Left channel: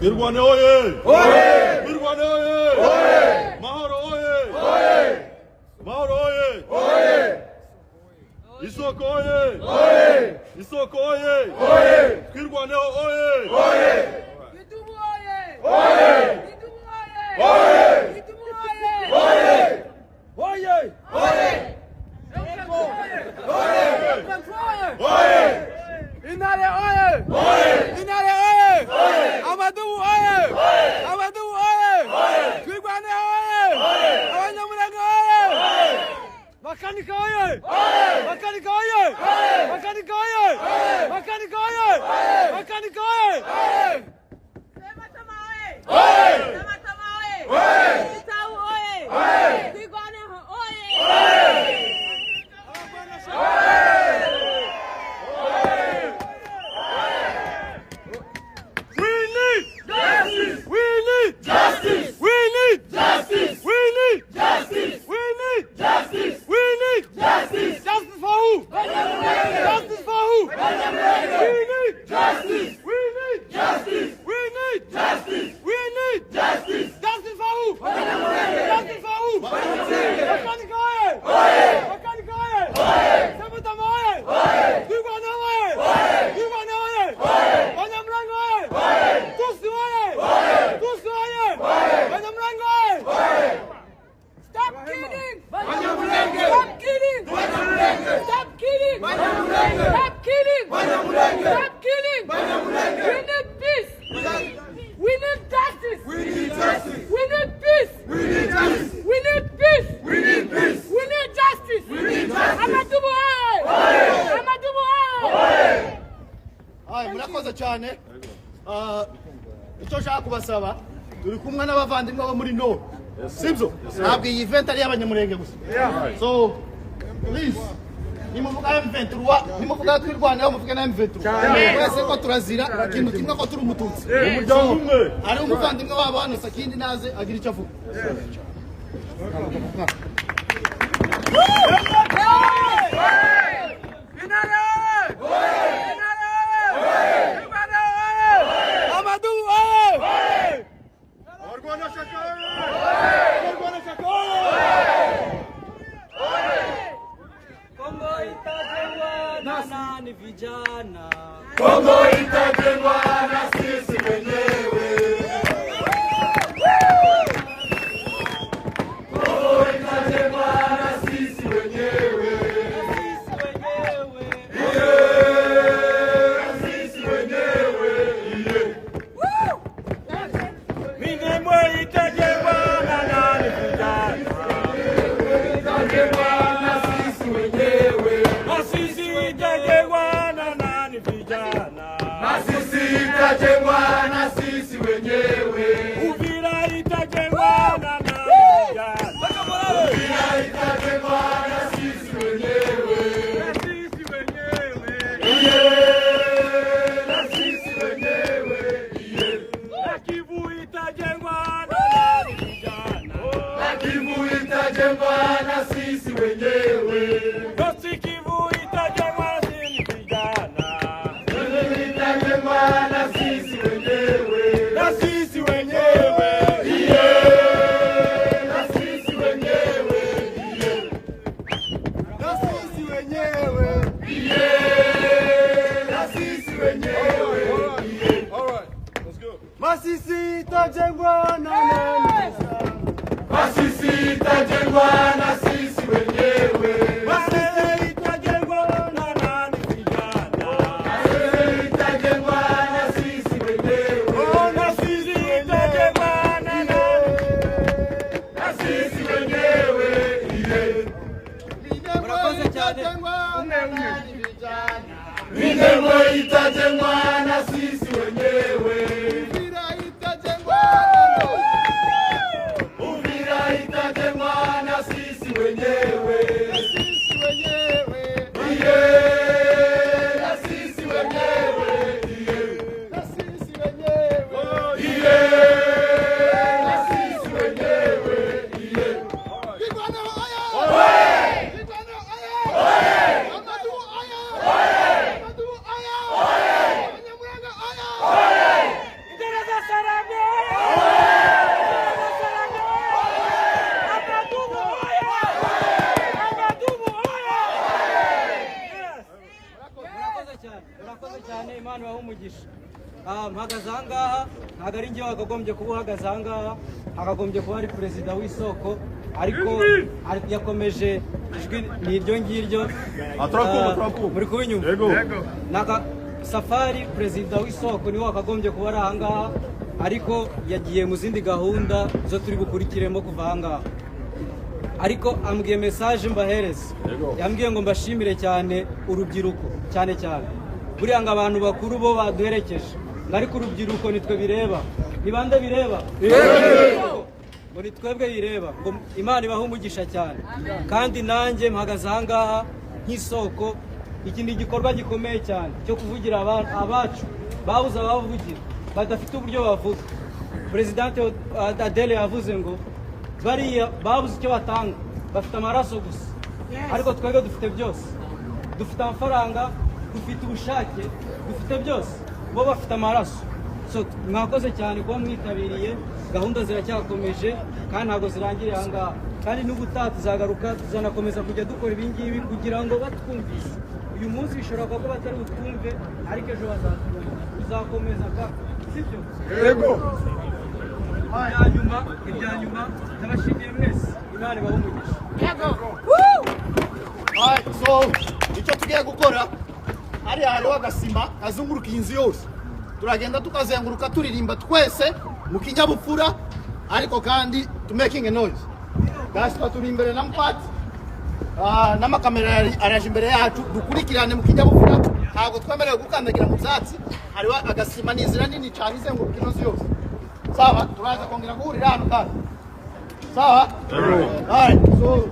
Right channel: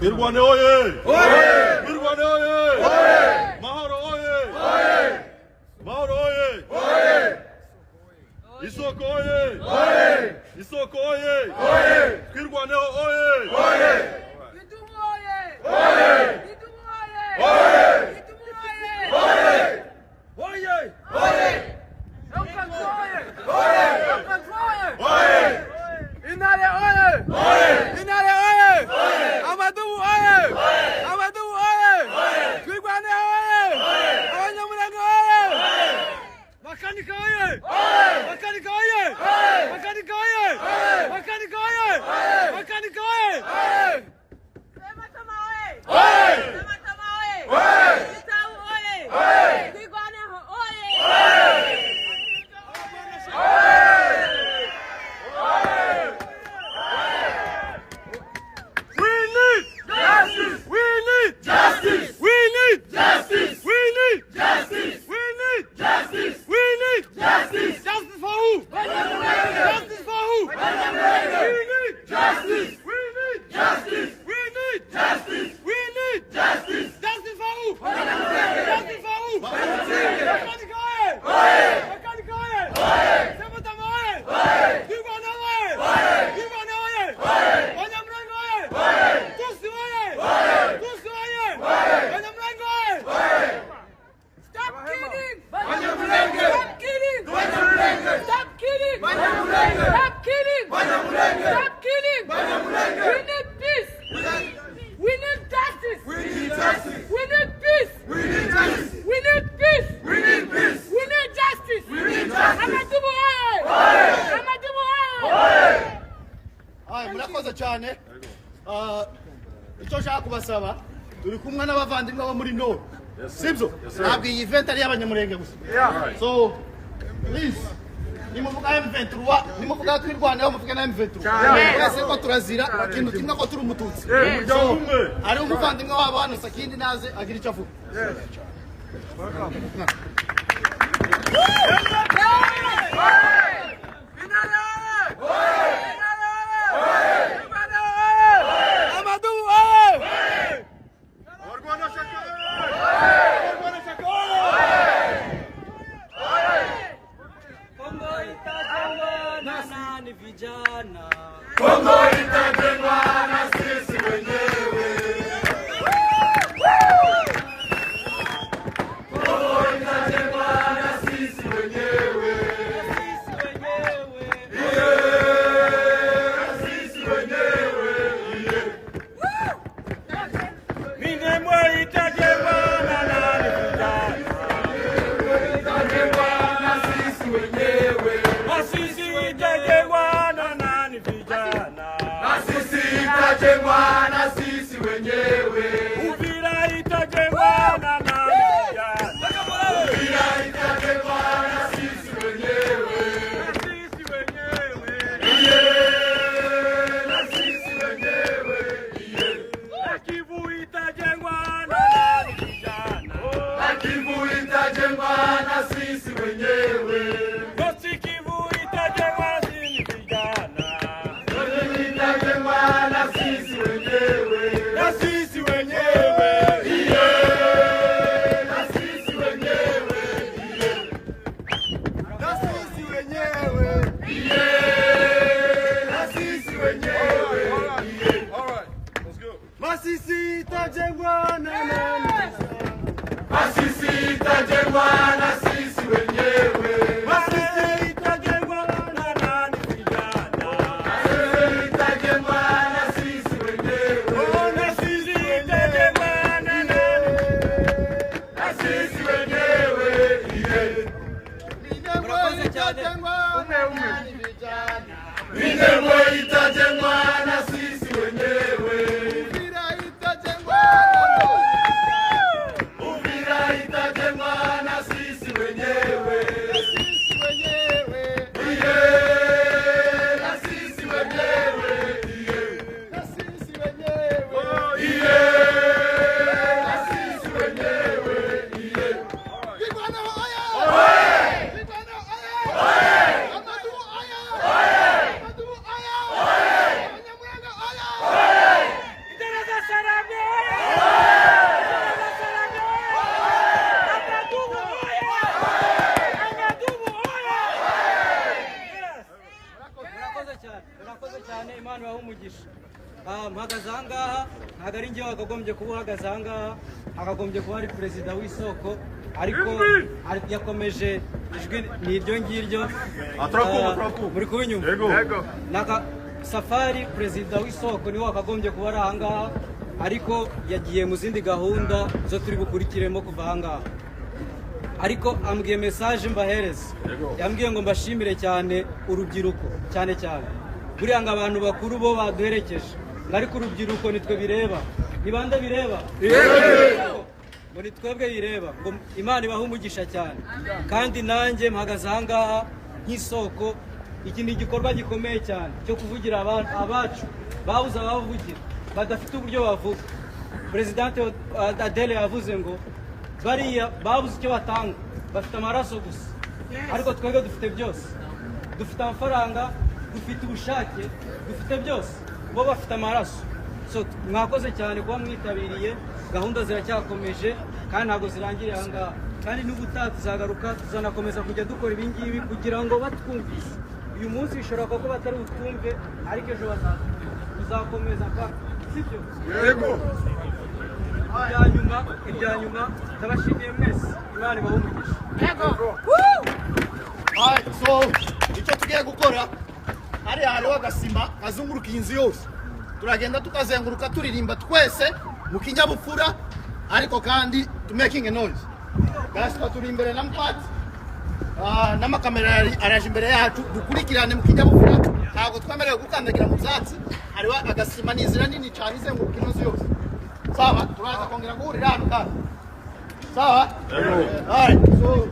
Twirwane oye! Oye! Twirwane oye! Oye! Mahoro oye! Oye! Mahoro oye! Oye! Isoko oye! Oye! Isoko oye! Oye! Twirwane oye! Oye! Gitumo oye! Oye! Gitumo oye! Oye! Gitumo oye! Oye! Oye! Oye! Oye! Oye! Inare oye! Oye! Inare oye! Oye! Amadubu oye! Oye! Amadubu oye! Oye! Twirwane oye! Oye! Abanyamulenge oye! Oye! Makanika oye! Oye! Makanika oye! Oye! Makanika oye! Oye! Makanika oye! Oye! Makanika oye! Oye! Sematama oye! Oye! Sematama oye! Oye! Kitau oye! Oye! Twirwane oye! Justice! We need Justice! We need Justice! We need Justice! We need Justice! Justice for who? Justice for who? We need Justice! We need Justice! We need Justice! We need Justice! Justice for who? Justice for who? Makanika oye! Oye! Makanika oye! Oye! Sematama oye! Oye! Twirwane oye! Oye! Twirwane oye! Oye! Banyamulenge oye! Oye! Tusi oye! Oye! Tusi oye! Oye! Banyamulenge oye! Oye! Stop killing! Banyamulenge! Stop killing! Banyamulenge! Stop killing! Banyamulenge! Stop killing! Banyamulenge! Stop killing! Banyamulenge! We need peace! We need justice! We need justice! We need peace! We need justice! We need peace! We need peace! We need justice! We need justice! Amadubu oye! Amadubu oye! Hayi murakoze cyane. Icyo nshaka kubasaba turi kumwe n'abavandimwe bo muri no. Sibyo? Ntabwo iyi event ari y'abanyamurenge gusa. So please nimuvuga M23 nimuvuga twirwaneho muvuge na M23. Wese ko turazira ikintu kimwe ko turi umututsi. So ari umuvandimwe wabo hano Sakindi naze agira icyo avuga. Amadubu oye! Kongo itajengwa na nani vijana? Kongo itajengwa na sisi wenyewe. Kongo itajengwa na sisi wenyewe. Sisi wenyewe. Na sisi wenyewe. Minembwe itajengwa na nani vijana? Itajengwa na sisi wenyewe. Masisi itajengwa na nani vijana? Na sisi itajengwa na sisi wenyewe. Uvira itajengwa na nani vijana? Uvira itajengwa na sisi wenyewe. Sisi wenyewe. Na sisi wenyewe. Kivu itajengwa na nani vijana? Na Kivu itajengwa na sisi wenyewe. Yosi Kivu itajengwa na sisi vijana. Yote itajengwa na sisi wenyewe. Na sisi wenyewe. Na sisi wenyewe. Na sisi wenyewe. Na sisi wenyewe. Masisi itajengwa na nani vijana? Masisi itajengwa na sisi wenyewe. Masisi itajengwa na nani vijana? Masisi itajengwa na sisi wenyewe. Oh, na sisi itajengwa na nani? Na sisi wenyewe. Minembwe itajengwa na nani vijana? Minembwe itajengwa na sisi wenyewe. Uvira itajengwa na nani? Uvira itajengwa na sisi wenyewe. Sisi wenyewe. Na sisi wenyewe. Na sisi wenyewe. Na sisi wenyewe. Twirwane oye! Twirwane oye! Amadubu oye! Amadubu oye! Abanyamulenge oye! Ingereza sana! Imana ibahe umugisha. Mpagaze aha ngaha ntabwo ari njye wakagombye kuba uhagaze aha ngaha, hakagombye kuba ari perezida w'isoko, ariko yakomeje ijwi ni iryo ngiryo muri kubinyumva. Safari perezida w'isoko niwe wakagombye kuba ari aha ngaha, ariko yagiye mu zindi gahunda zo turi bukurikiremo kuva aha ngaha. Ariko ambwiye message mbahereza, yambwiye ngo mbashimire cyane urubyiruko cyane cyane. Buriya ngo abantu bakuru bo baduherekeje, ariko urubyiruko nitwe bireba. Ni bande bireba? Ngo ni twebwe bireba. Ngo Imana ibahe umugisha cyane. Kandi nanjye mpagaze aha ngaha nk'isoko, iki ni igikorwa gikomeye cyane cyo kuvugira abacu babuze abavugira badafite uburyo bavuga. Presidente Adele yavuze ngo bariya babuze icyo batanga, bafite amaraso gusa, ariko twebwe dufite byose. Dufite amafaranga, dufite ubushake, dufite byose, bo bafite amaraso. So mwakoze cyane kuba mwitabiriye, gahunda ziracyakomeje kandi ntabwo zirangiriye aha ngaha, kandi n'ubutaha tuzagaruka, tuzanakomeza kujya dukora ibi ngibi kugira ngo batwumvise. Uyu munsi bishobora kuba batari utumve, ariko ejo tuzakomeza kandi sibyo? Yego. Ibya nyuma ndabashimiye mwese, Imana ibahe umugisha. So icyo tugiye gukora, hariya hariho agasima kazunguruka inzu yose, turagenda tukazenguruka turirimba twese mu kinyabupfura, ariko kandi to making a noise. Gaspa turi imbere na mpati, n'amakamera araje imbere yacu, dukurikirane mu kinyabupfura, ntabwo twemerewe gukandagira mu byatsi. Hariho agasima n'inzira nini cyane izenguruka ino nzu yose. Sawa, turaza kongera guhurira hano kandi. Sawa? Alright, so